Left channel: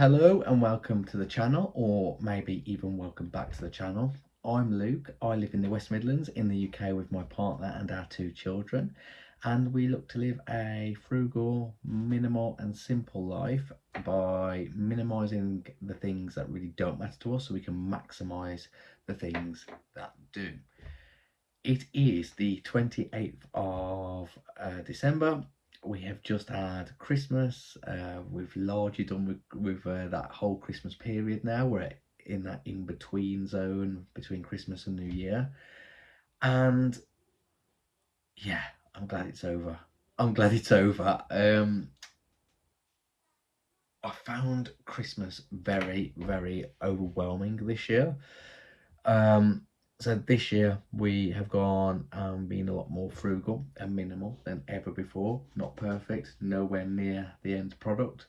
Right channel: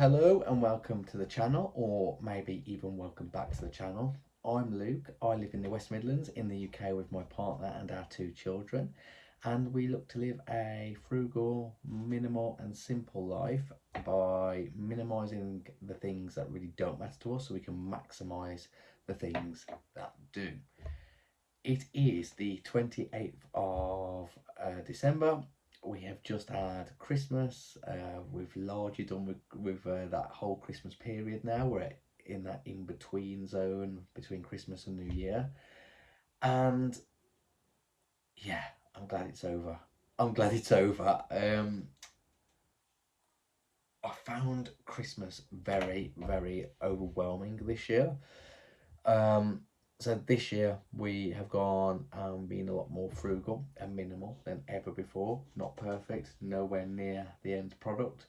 Hello and welcome to the channel, or maybe even welcome back to the channel. I'm Luke. I live in the West Midlands in the UK with my partner and our two children, and we look to live a frugal, minimal and simple life by minimising the things that really don't matter to us so we can maximise the things that do. It is the 28th of December. We have just had Christmas. We've largely done with that whole Christmas period now. We're in that in-between zone between Christmas and New Year. And yeah, I'm glad it's over. I'm glad it's over. I found Christmas very, very overwhelming this year. Um, so this year we have gone and been a lot more frugal and minimal than ever before. Not perfect, nowhere near the end product,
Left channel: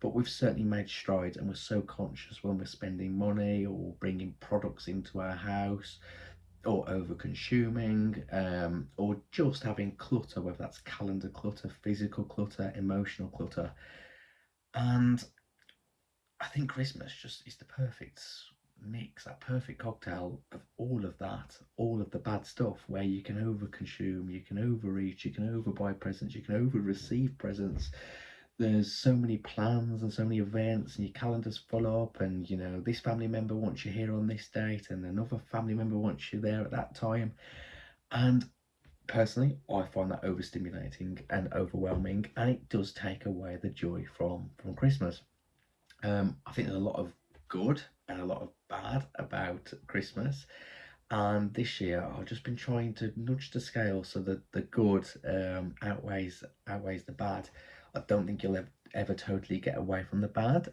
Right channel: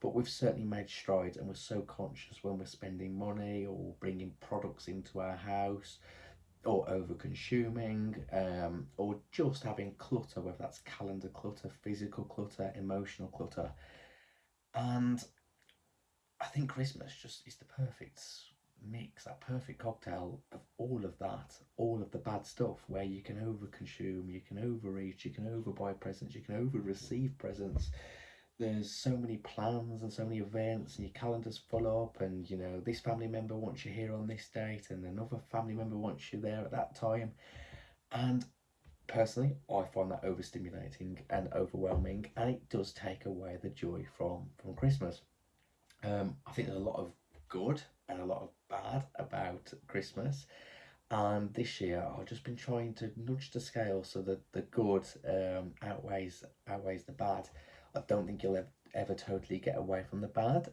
but we've certainly made strides, and we're so conscious when we're spending money or bringing products into our house, or over consuming, or just having clutter, whether that's calendar clutter, physical clutter, emotional clutter. And I think Christmas just is the perfect mix, that perfect cocktail of all of that, all of the bad stuff where you can overconsume, you can overreach, you can overbuy presents, you can over receive presents. There's so many plans and so many events, and your calendar's full up, and this family member wants you here on this date, and another family member wants you there at that time. And personally, I find that overstimulating and overwhelming, and it does take away the joy from Christmas. I think there's a lot of good and a lot of bad about Christmas. And this year, I've just been trying to nudge the scale so that the good outweighs the bad. I don't think you'll ever totally get away from the bad.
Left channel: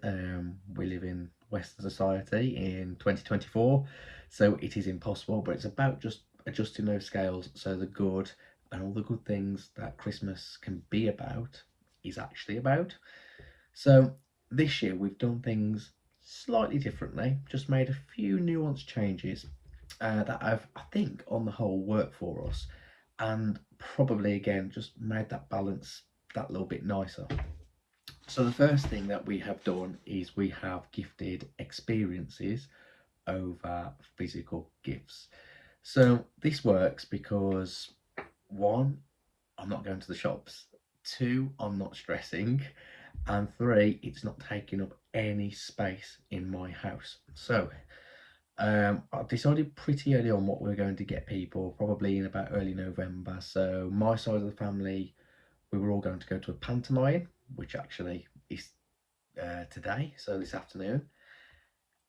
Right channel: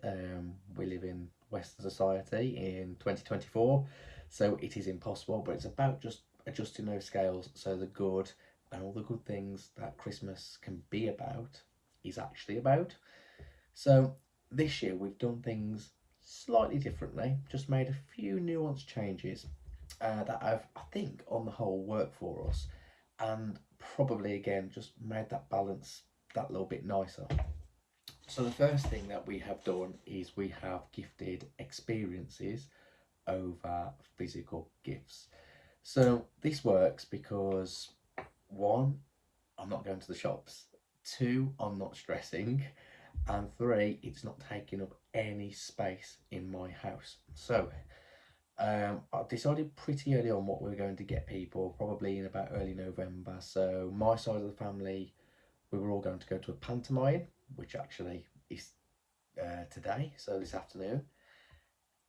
We live in Western society in 2024, so it is impossible. But it's about just adjusting those scales so the good and all the good things that Christmas can be about is actually about. So this year we've done things slightly differently, just made a few nuanced changes that have, I think, on the whole worked for us, and probably again just made that balance that little bit nicer. So the first thing that we have done is we have gifted experiences over physical gifts. So this works because one, I'm not going to the shops. Two, I'm not stressing. And three, it's not taking up any space in my house. So I decided pretty early on what we were going to get people, probably in about early November. So my side of the family, we were all going to go to a pantomime, which actually is today, so this afternoon.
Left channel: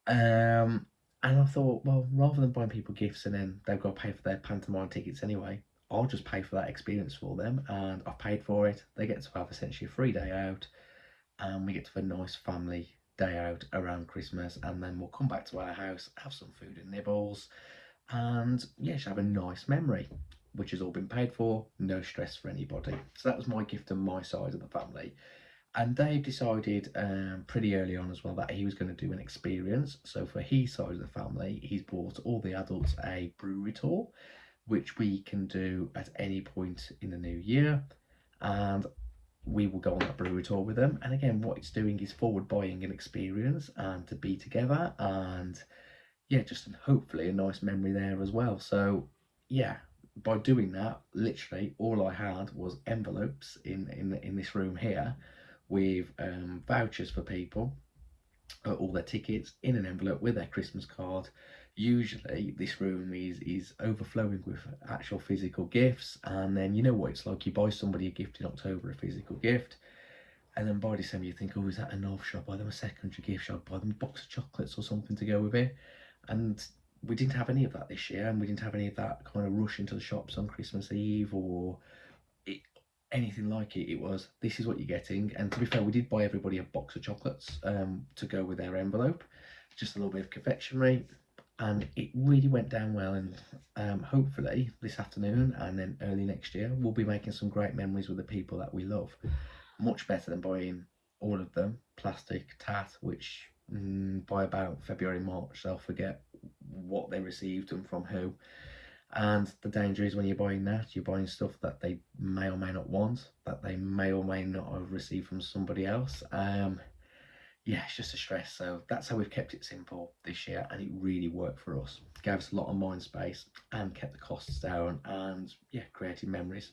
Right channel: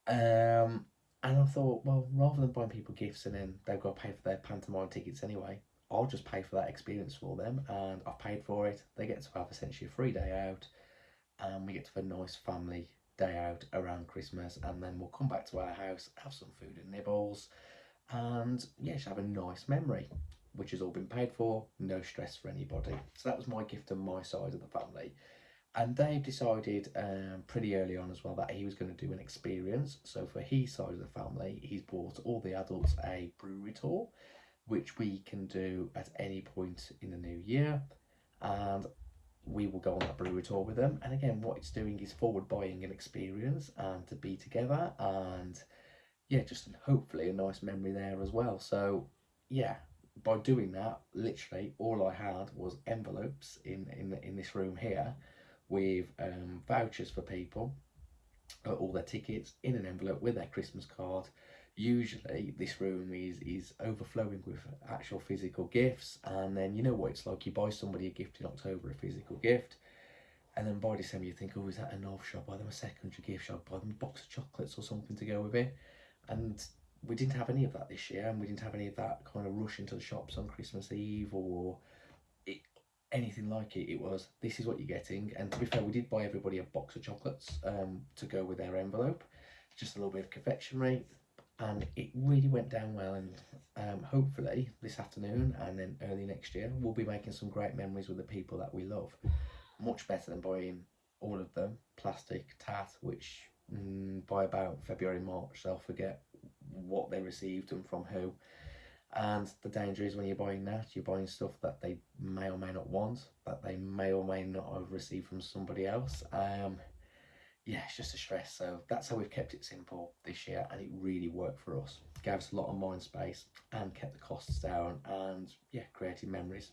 And I thought, well, rather than buying people gifts and then they've got to pay for their pantomime tickets anyway, I'll just pay for that experience for them, and I've paid for it. They get to have essentially a free day out, and we get to have a nice family day out around Christmas, and then we'll come back to our house, have some food and nibbles, and yeah, just have a nice memory, which has all been paid for, no stress for anybody. So that was my gift to my side of the family. And Dave decided pretty early on as well that he was going to do an experience. So for his side of the family, he's bought all the adults a brewery tour, which we can do at any point in the new year. And we will go on that brewery tour with them. And again, what it's doing is forward buying an experience and to be together, and yeah, just hopefully a nice memory there as well. So yeah, by doing that, literally all I had was envelopes in this room here with vouchers for people, all their tickets in an envelope with their Christmas card. Usually this room is overflowing with actual physical gifts, and then you know what it's like, you buy somebody a gift in October, a physical gift, and then by December you think, oh, is that enough? Should I buy them a secondary gift? Should I buy them a box of chocolates or something to go with it? And we didn't have any of that this year, and we didn't have any of that kind of rush into the shops on Christmas Eve or it, anything like it. It was, this is what you're getting. And to be fair, we did buy everybody a box of chocolates to go with their envelope, just a little bit of confectionery, and it really went down well. And hopefully this afternoon and then early next year we'll be making some great memories with the people that we love, much better than buying all of them plastic tat, which by about February, March they'll forget what they received and from who. And the danger is when you're buying that, you're buying stuff that they may or may not want, that they may or may not have received from somebody else. yeah, it's just a stress. So that's how we've kept it simple this year, and it really worked for us. Gave us a lot of mind space and kept the costs down, and yeah, created memories.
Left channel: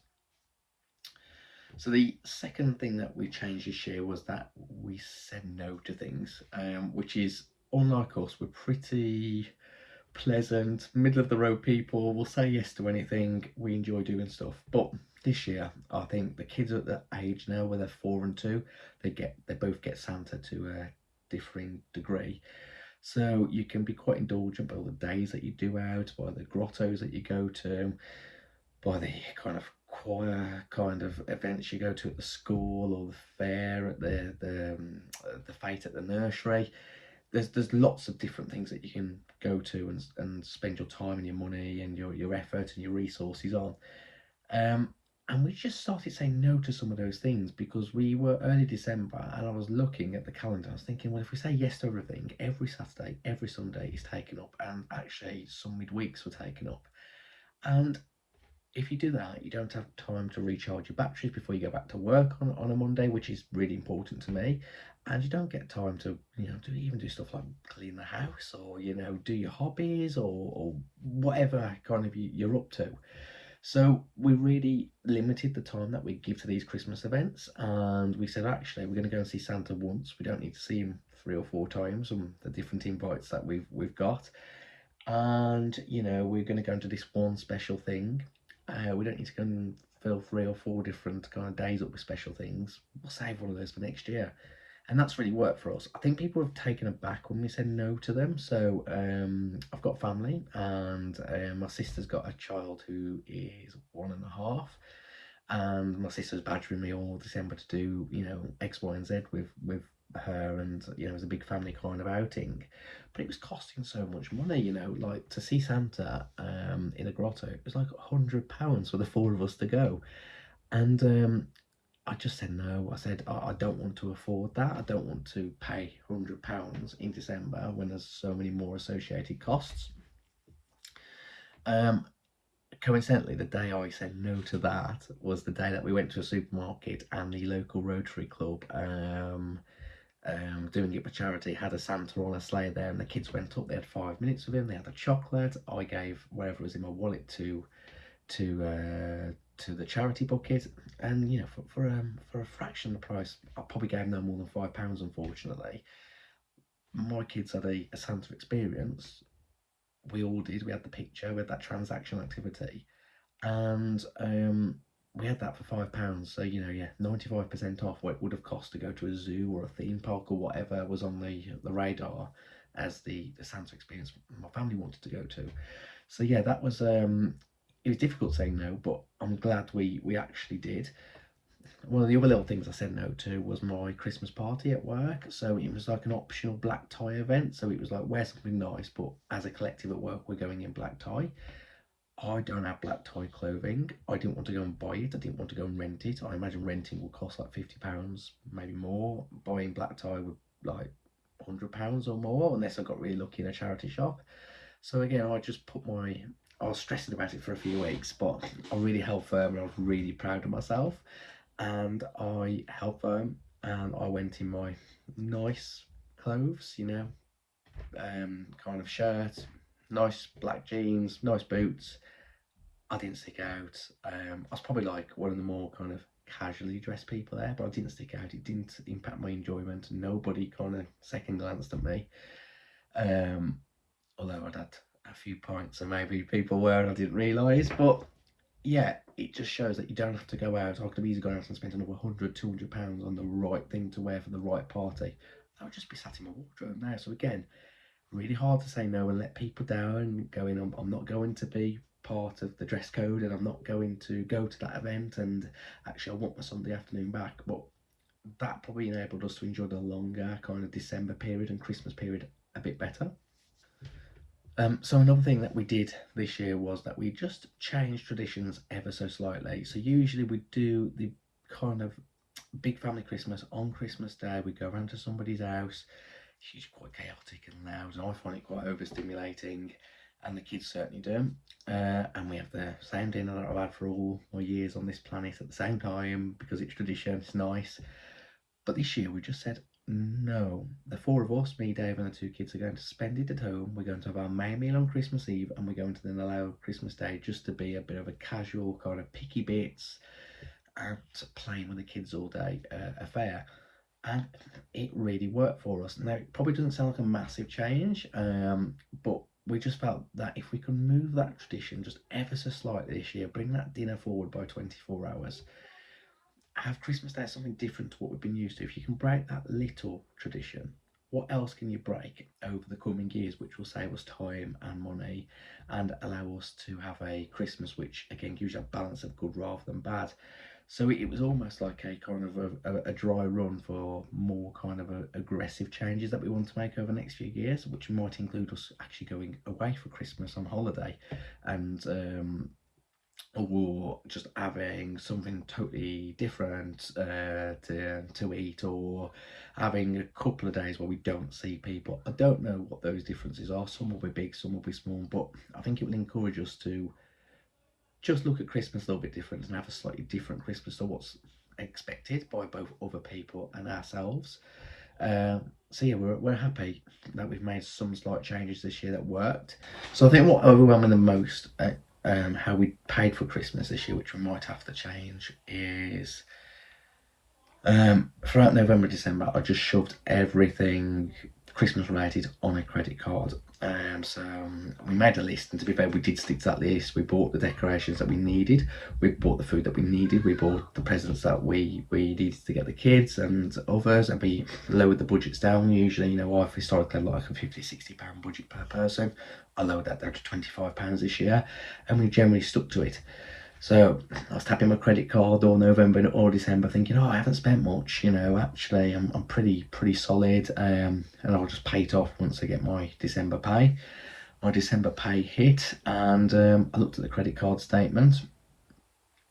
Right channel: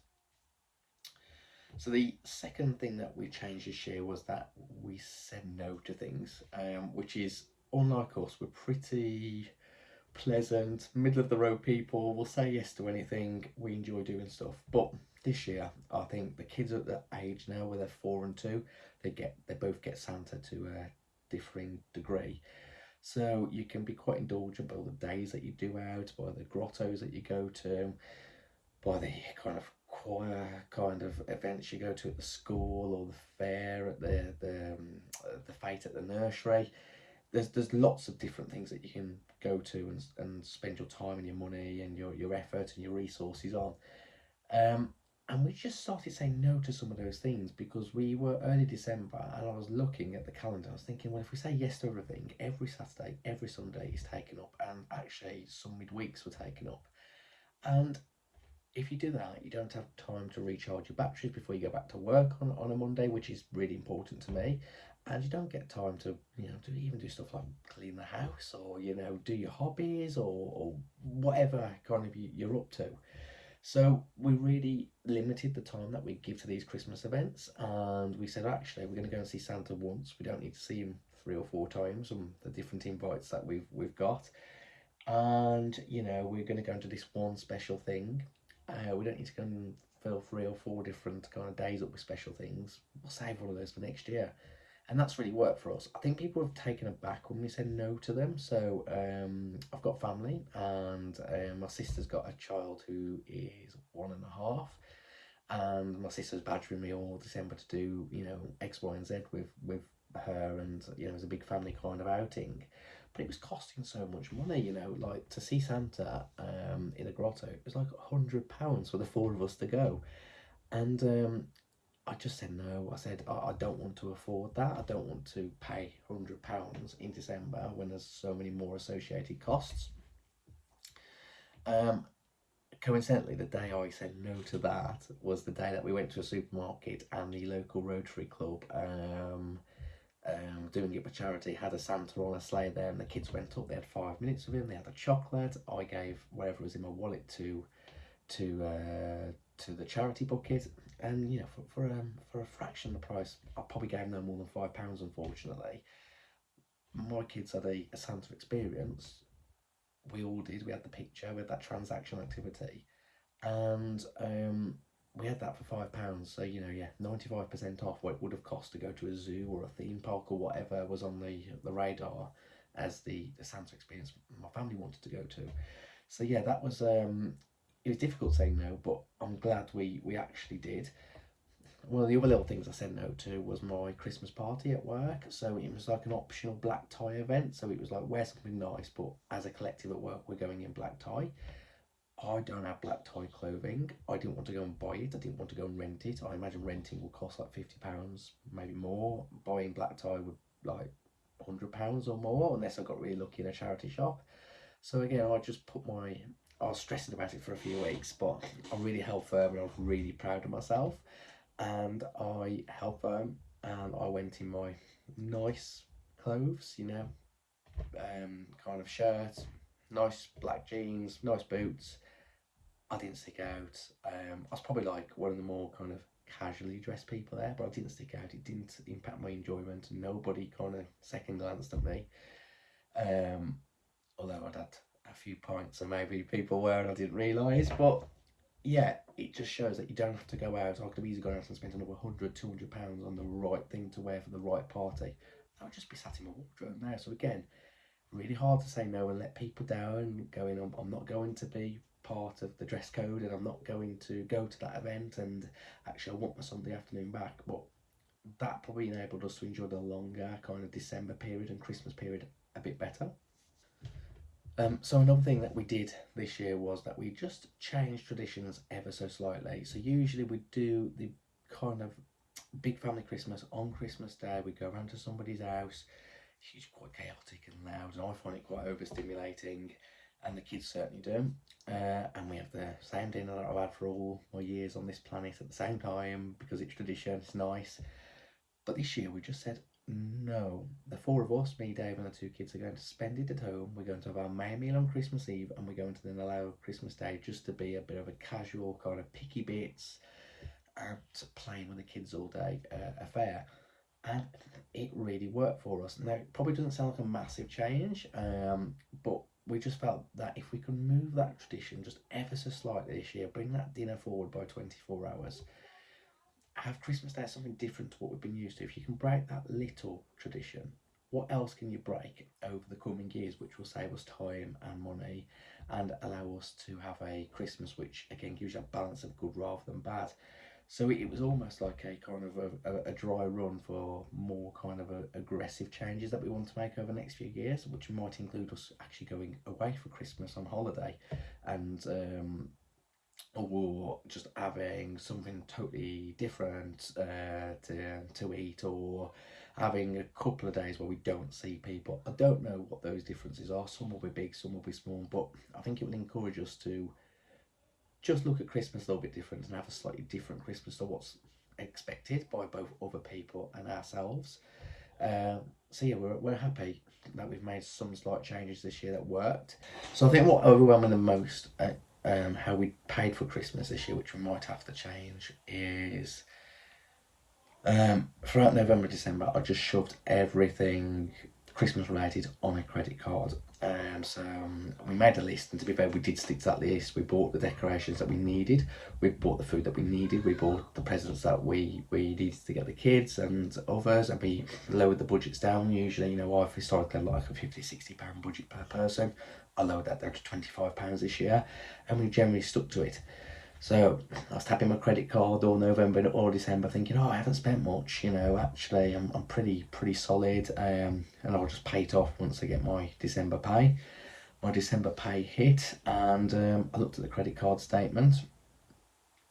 So the second thing that we changed this year was that we said no to things, which is unlike us. We're pretty pleasant, middle of the road people. We'll say yes to anything. We enjoy doing stuff. But this year, I think the kids are at that age now where they're 4 and 2. They both get Santa to a differing degree. So you can be quite indulgent by the days that you do out, by the grottos that you go to, by the kind of choir kind of events you go to at the school, or the fair at the fete at the nursery. There's lots of different things that you can go to and spend your time and your money and your effort and your resources on. Um, and we just started saying no to some of those things because we were early December, and I was looking at the calendar. I was thinking, well, if we say yes to everything, every Saturday, every Sunday is taken up, and actually some midweeks were taken up. And if you do that, you don't have time to recharge your batteries before you go back to work on a Monday, which is really important to me. And you don't get time to, even do stuff like clean the house, or, do your hobbies, or whatever kind of you're up to. So we really limited the time that we give to these Christmas events, and we said, actually, we're going to go and see Santa once. We don't need to see him 3 or 4 times on the different invites that we've got. And we're going to go into this one special thing. We don't need to go and fill 3 or 4 different kind of days up with special things. We'll save all of those for next year, and that's really worked for us. I think people have taken aback when we said no to them. So I've got family, and my sister's got a child who is 1.5, and my sister's badgering me all December to do X, Y, and Z with her, and it was a big family kind of outing, but it was costing so much money. Like to see Santa in a grotto, it was like £100 for the 4 of us to go, and I just said no. I said I don't want to afford that. I don't want to pay £100 in December when there's so many more associated costs. Um, Coincidentally, the day I said no to that was the day that we went to a supermarket, and the local Rotary Club, doing it for charity, had a Santa on a sleigh there, and the kids went up. They had 5 minutes with him. They had a chocolate. I gave whatever was in my wallet to the charity bucket, and for a fraction of the price, I probably gave no more than £5. Unfortunately, my kids had a Santa experience. We all did. We had the picture. We had that transaction activity, and we had that for £5. So yeah, 95% off what it would have cost to go to a zoo or a theme park or whatever was on the radar as the Santa experience my family wanted to go to. So yeah, that was it was difficult saying no, but I'm glad we actually did. One of the other little things I said no to was my Christmas party at work. So it was like an optional black tie event. So it was like, wear something nice, but as a collective at work, we're going in black tie. I don't have black tie clothing. I didn't want to go and buy it. I didn't want to go and rent it. I imagine renting will cost like £50, maybe more. Buying black tie would like £100 or more, unless I got really lucky in a charity shop. So again, I was stressing about it for a few weeks, but I really held firm, and I was really proud of myself. And I held firm, and I went in my nice clothes, kind of shirt, nice black jeans, nice boots. I didn't stick out. I was probably like one of the more kind of casually dressed people there, but I didn't stick out. It didn't impact my enjoyment. Nobody kind of second glanced at me. Um, Although I'd had a few pints, and maybe people were, and I didn't realise. But yeah, it just shows that you don't have to go out. I could have easily gone out and spent another £100, £200 on the right thing to wear for the right party. That would just be sat in my wardrobe now. So again, really hard to say no and let people down, and going, I'm not going to be part of the dress code, and I'm not going to go to that event, and actually I want my Sunday afternoon back. But that probably enabled us to enjoy the longer kind of December period and Christmas period a bit better. So another thing that we did this year was that we just changed traditions ever so slightly. So usually we do the kind of big family Christmas on Christmas Day. We go around to somebody's house. It's usually quite chaotic and loud, and I find it quite overstimulating, and the kids certainly do. And we have the same dinner that I've had for all my years on this planet at the same time, because it's tradition, it's nice. But this year we just said, No, the four of us, me, Dave, and the two kids, are going to spend it at home. We're going to have our main meal on Christmas Eve, and we're going to then allow Christmas Day just to be a bit of a casual kind of picky bits, out playing with the kids all day affair. And it really worked for us. Now, it probably doesn't sound like a massive change, but we just felt that if we could move that tradition just ever so slightly this year, bring that dinner forward by 24 hours, have Christmas Day as something different to what we've been used to. If you can break that little tradition, what else can you break over the coming years, which will save us time and money and allow us to have a Christmas which, again, gives you a balance of good rather than bad? So it was almost like a kind of a dry run for more kind of aggressive changes that we want to make over the next few years, which might include us actually going away for Christmas on holiday, and or just having something totally different to eat, or having a couple of days where we don't see people. I don't know what those differences are. Some will be big, some will be small, but I think it will encourage us to just look at Christmas a little bit different and have a slightly different Christmas to what's expected by both other people and ourselves. So yeah, we're happy that we've made some slight changes this year that worked. So I think what overwhelmed me the most, how we paid for Christmas this year, which we might have to change, is throughout November, December, I just shoved everything Christmas related on a credit card. So we made a list, and to be fair, we did stick to that list. We bought the decorations that we needed, we bought the food that we needed, we bought the presents that we needed to get the kids and others, and we lowered the budgets down. Usually, I've historically had like a 50-60 pound budget per person. I lowered that down to £25 this year, and we generally stuck to it. So I was tapping my credit card all November and all December, thinking, oh, I haven't spent much. Actually, I'm pretty solid, and I'll just pay it off once I get my December pay. My December pay hit, and I looked at the credit card statement,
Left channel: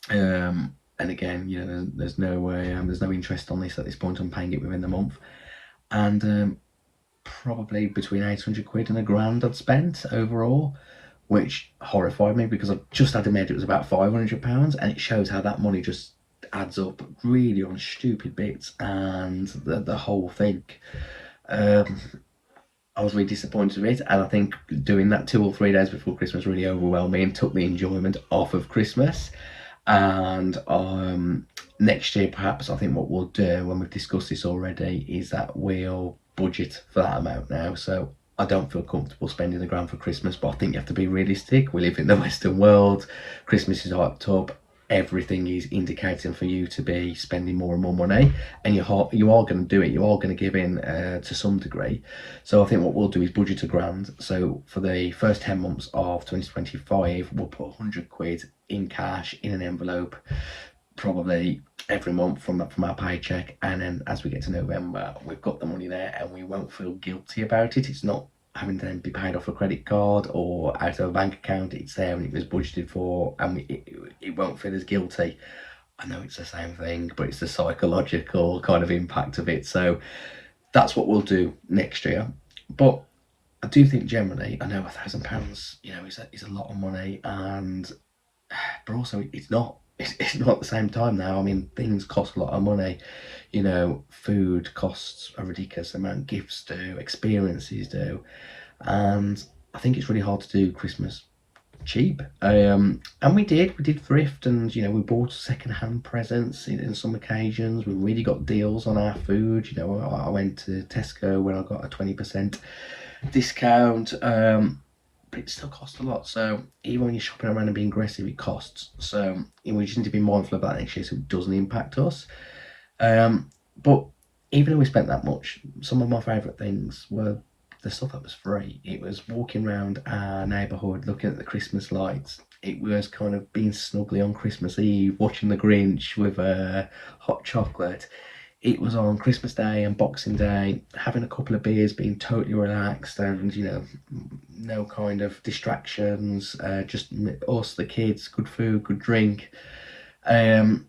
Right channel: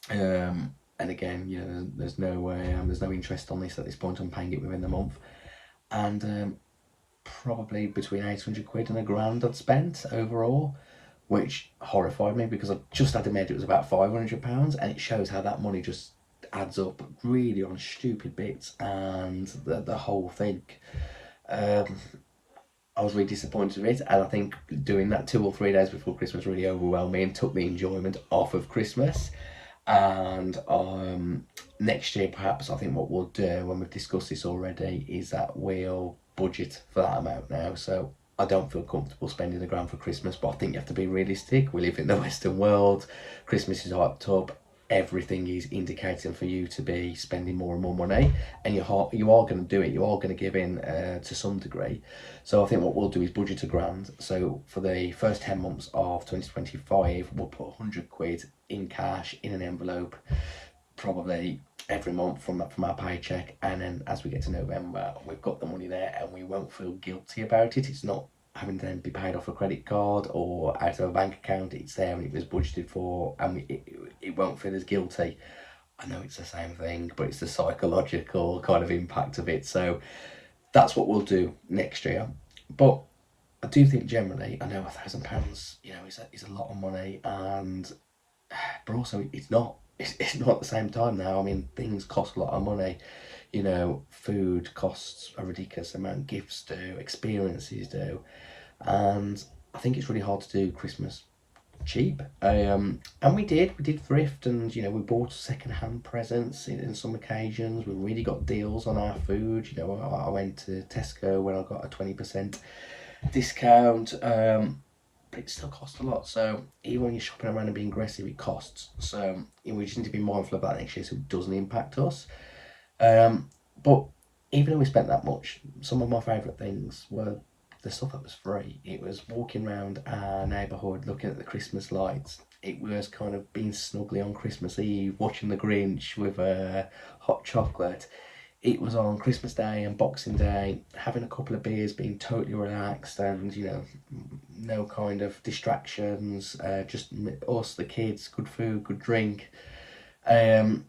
and again, there's no interest on this at this point. I'm paying it within the month, and probably between 800 quid and a grand I'd spent overall, which horrified me because I just had admitted it was about £500, and it shows how that money just adds up really on stupid bits and the whole thing. I was really disappointed with it, and I think doing that 2 or 3 days before Christmas really overwhelmed me and took the enjoyment off of Christmas. And next year, perhaps, I think what we'll do, when we've discussed this already, is that we'll budget for that amount now. So I don't feel comfortable spending £1,000 for Christmas, but I think you have to be realistic. We live in the Western world. Christmas is hyped up. Everything is indicating for you to be spending more and more money, and you are going to do it. You are going to give in to some degree. So I think what we'll do is budget £1,000. So for the first 10 months of 2025, we'll put 100 quid in cash in an envelope, probably every month from our paycheck, and then as we get to November, we've got the money there and we won't feel guilty about it. It's not having to then be paid off a credit card or out of a bank account. It's there and it was budgeted for, and it won't feel as guilty. I know it's the same thing, but it's the psychological kind of impact of it. So that's what we'll do next year. But I do think generally, I know £1,000, is a lot of money, and but also it's not. It's not at the same time now. I mean, things cost a lot of money. Food costs a ridiculous amount, gifts do, experiences do, and I think it's really hard to do Christmas cheap. And we did thrift, and we bought second-hand presents in some occasions. We really got deals on our food. I went to Tesco when I got a 20% discount. But it still costs a lot. So even when you're shopping around and being aggressive, it costs. So we just need to be mindful of that next year so it doesn't impact us. But even though we spent that much, some of my favourite things were the stuff that was free. It was walking around our neighbourhood, looking at the Christmas lights. It was kind of being snuggly on Christmas Eve, watching the Grinch with hot chocolate. It was on Christmas Day and Boxing Day, having a couple of beers, being totally relaxed, and no kind of distractions, just us, the kids, good food, good drink, that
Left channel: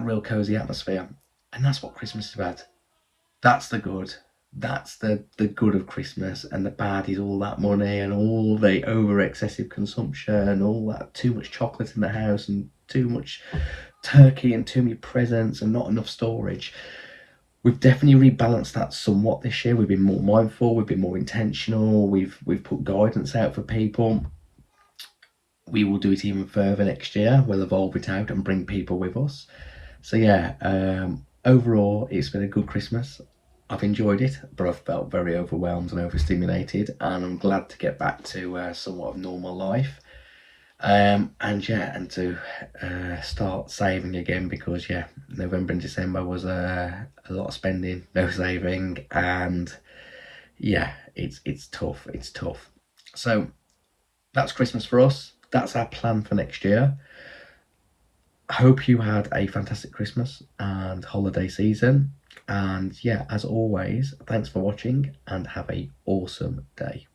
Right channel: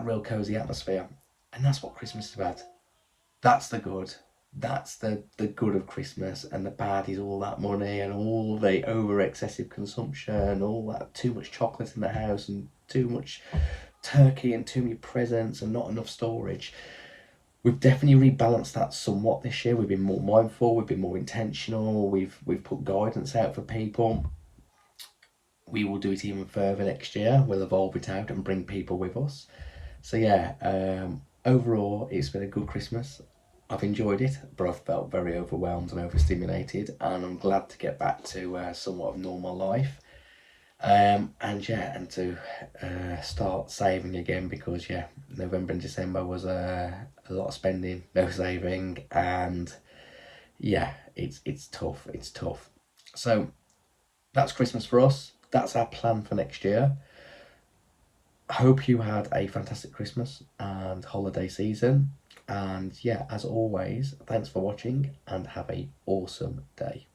real cozy atmosphere. And that's what Christmas is about. That's the good. That's the good of Christmas, and the bad is all that money and all the over excessive consumption, all that too much chocolate in the house and too much turkey and too many presents and not enough storage. we've definitely rebalanced that somewhat this year. We've been more mindful, we've been more intentional, we've put guidance out for people. We will do it even further next year. We'll evolve it out and bring people with us. So yeah, overall, it's been a good Christmas. I've enjoyed it, but I've felt very overwhelmed and overstimulated, and I'm glad to get back to somewhat of normal life. And yeah, and to start saving again, because yeah, November and December was a lot of spending, no saving, and yeah, it's tough. It's tough. So that's Christmas for us. That's our plan for next year. Hope you had a fantastic Christmas and holiday season. And yeah, as always, thanks for watching and have a awesome day.